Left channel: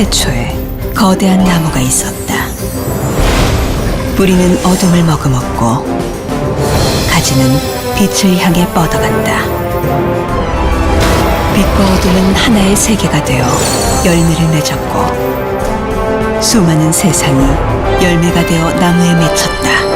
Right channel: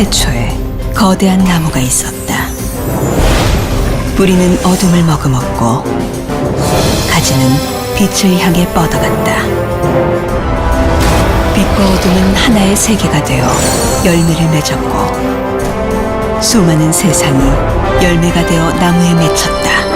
태초에 거대한 나무가 있었다. 뿌리는 어둠을 머금었고 가지는 빛을 향해 뻗어간다. 빛과 어둠은 하나의 세계가 되어 열매를 맺었고 수많은 세상이 열매가 되어 나무에 맺혔다.